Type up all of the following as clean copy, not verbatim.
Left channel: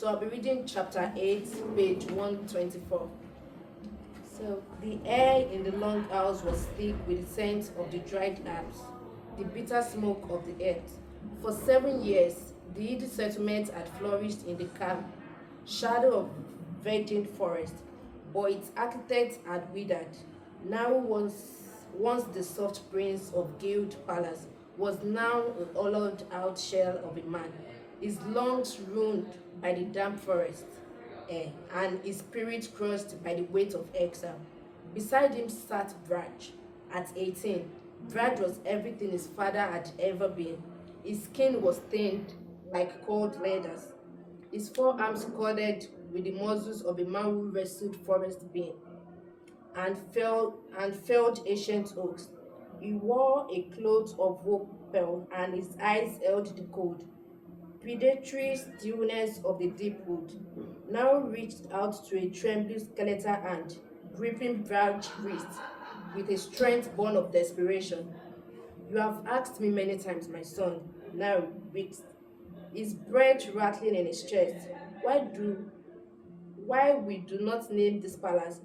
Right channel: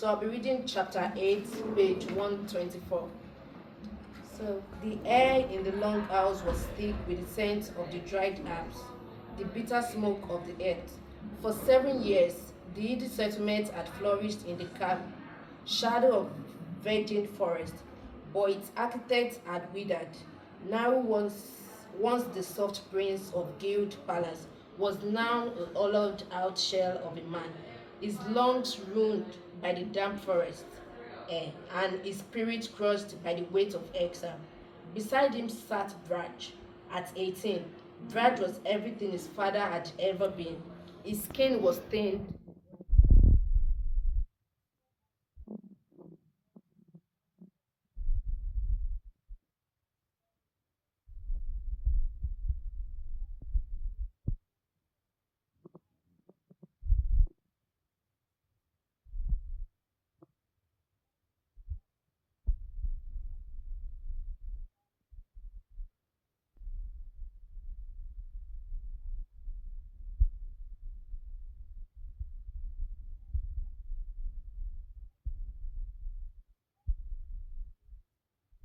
So I'll be reading chapter 8, page 124. So the air in the long house was thick with the scent of the dried herbs, the bitter smoke of the earth. For 7 years, the Yiddish settlement had flourished in the calm shadow of virgin forest, but its architect had withered. Now once the soft prince of Guild Palace was now a hollowed out shell of a man, his lungs ruined by the damp forest and his spirit crushed by the weight of exile. Beside him sat Braj. At 18, Braj was everything his father had ever been. His skin was stained like cold leathers, his forearms corded with the muscles of a man who wrestled forest being and felled ancient oaks. He wore a cloth of wool pearl, and his eyes held the cold, predatory stillness of the deep wood. Now reached out to a trembling skeletal hand, gripping Branch's wrist with a strength born of desperation. You have asked me many times, my son, now weeks, his breath rattling in his chest. Why do why we do not name this palace?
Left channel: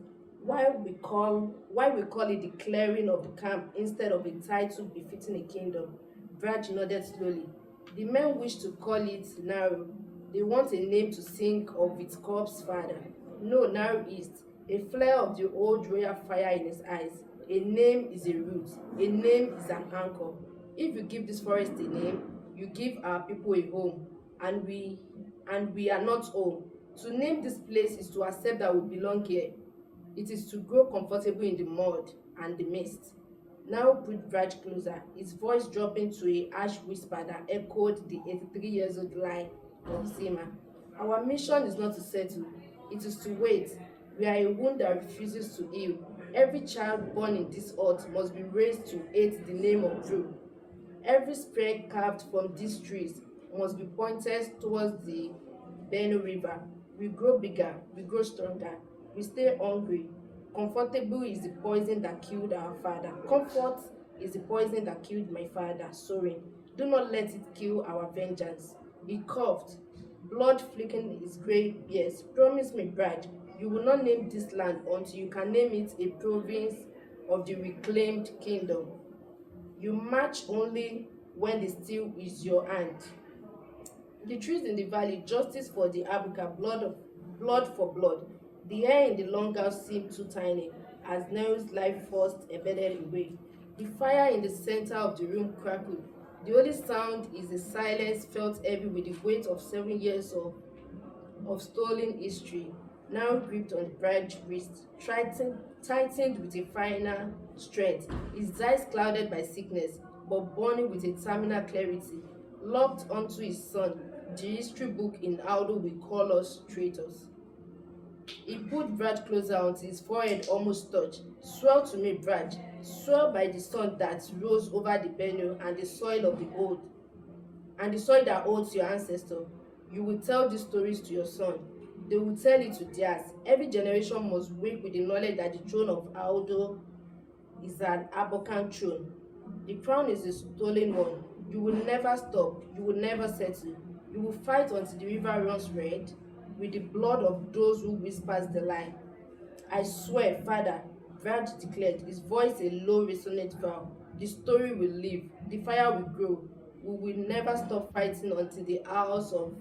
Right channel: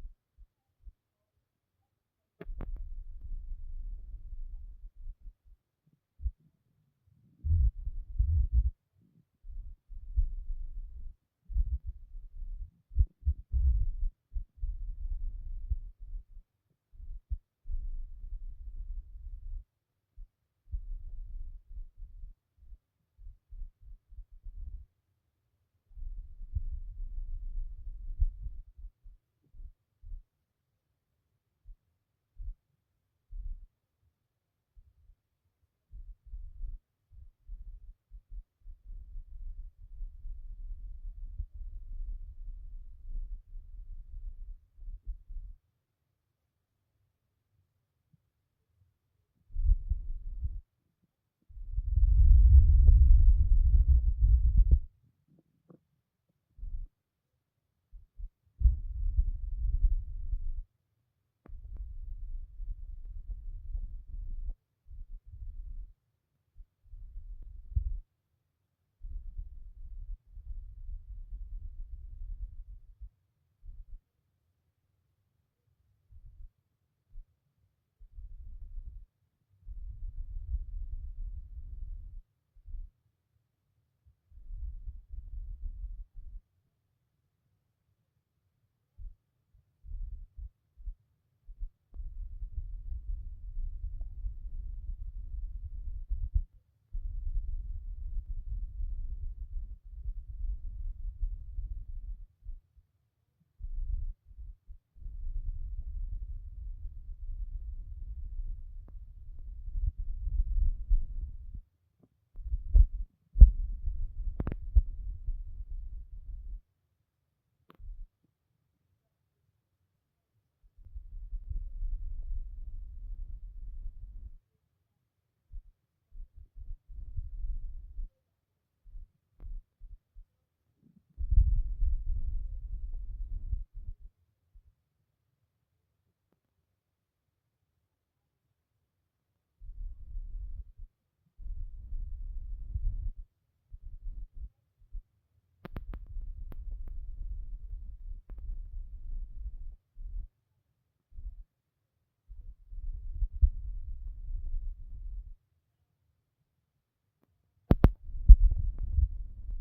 Why we call it the clearing of the camp instead of a title befitting a kingdom? Brad nodded slowly. The men wish to call it Naru. They want a name to sing of its corpse father. No, Naru East. A flare of the old royal fire in his eyes. A name is a root. A name is an anchor. If you give this forest a name, you give our people a home, and we are not home. To name this place is to accept that we belong here. It is to grow comfortable in the mud and the mist. Now put Brad closer, his voice dropping to a harsh whisper that echoed the 83 years old line of Zima. Our mission is not to settle, it is to wait. We are a wound that refuses to heal. Every child born in this earth must be raised to hate the name of Drew. Every spear carved from these trees must be pointed towards the Benue River. We grow bigger, we grow stronger, we stay hungry. Comfortable is the poison that killed our father. Comfort is the poison that killed my father. Soaring. Do not let it kill our vengeance. He coughed, blood flicking his grey beard. Promise me, Brad, you will not name this land until you can name it a province of the reclaimed kingdom. You march only when the steel is your hand. The trees in the valley, justice for the Abuka, blood for blood. The air in the long house seemed too tiny as Nero's life force embedded away. The fire in the center of the room crackled. The only sound is the silence felt heavy with the weight of 7 years of stolen history, now gripped on the bride's wrist, tightened with a final strength, his eyes clouded by sickness, but burning with a terminal clarity, locked onto his son. The history book in Aldo will call us traitors. He put Brad closer until his forehead almost touched. Swear to me, Brad. Swear by the sun that rose over the Benue and the soil of the old, and the soil that holds your ancestor. You will tell these stories to your son. They will tell it to theirs. Every generation must wake with the knowledge that the throne of Aldo is an Abokan throne. The crown is a stolen one. You will never stop. You will never settle. You will fight until the river runs red with the blood of those who whispers the lie. I swear, Father, Brad declared, his voice a low, resonant vow. The story will live, the fire will grow. We will never stop fighting until the house of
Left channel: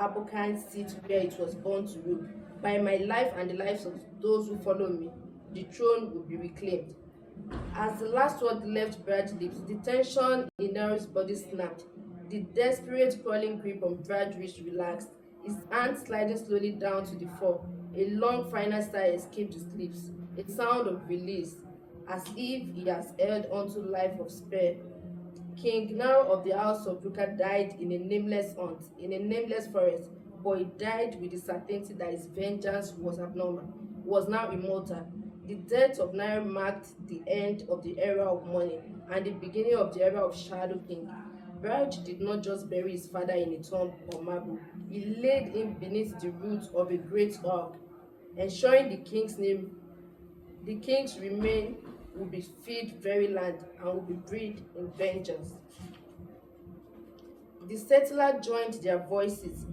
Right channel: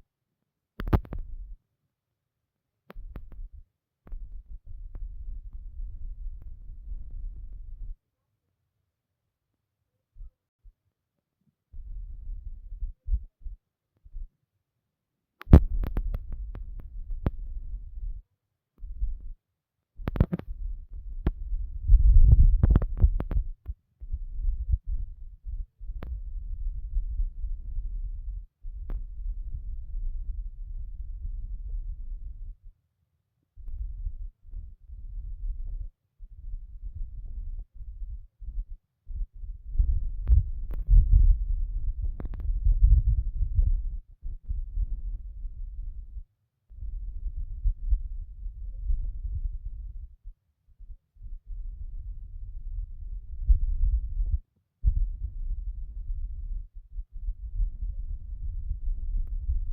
Abokan sits where it was born to rule. By my life and the lives of those who follow me, the throne will be reclaimed. As the last word left Brad's lips, the tension in Nero's body snapped. The desperate crawling grip on Brad's wrist relaxed, his hand sliding slowly down to the floor. A long final sigh escaped his lips, a sound of release, as if he has held onto life of spare. King Naro of the house of Ruka died in a nameless hunt, in a nameless forest, but he died with the certainty that his vengeance was abnormal, was now immortal. The death of Nairo marked the end of the era of mourning and the beginning of the era of Shadow King. Baraj did not just bury his father in a tomb or marble, he laid him beneath the roots of a great oak, ensuring the king's remain will be feed very land and will be breed in vengeance. The settler joined their voices,